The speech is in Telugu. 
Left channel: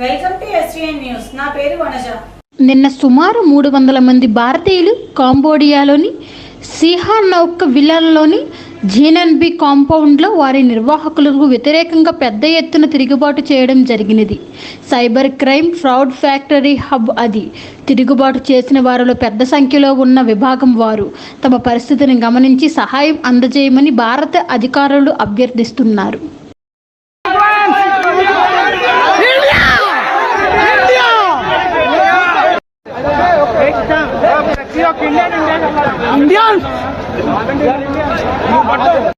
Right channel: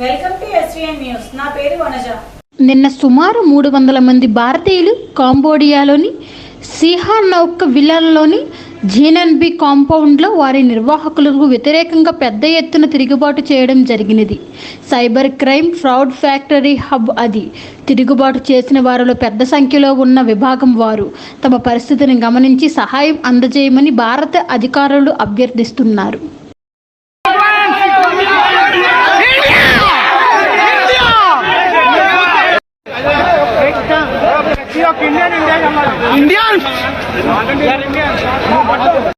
Welcome to SVN news. నా పేరు వనజ. నిన్న సుమారు మూడు వందల మంది భారతీయులు కాంబోడియాలోని సిహానౌక్ విలన్లోని జీనన్బి కాంపౌండ్లో వారి నిర్వాహకులకు వ్యతిరేకంగా పెద్ద ఎత్తున తిరుగుబాటు చేయడం జరిగినది. Cyber crime fraud factory hub అది. తిరుగుబాటు చేసిన వారిలో పెద్ద సంఖ్యలో ఉన్న విభాగం వారు. తమ పరిస్థితిని గమనించి సహాయం అందజేయమని భారత అధికారులు అభ్యర్థిస్తున్నారు. Indian Indian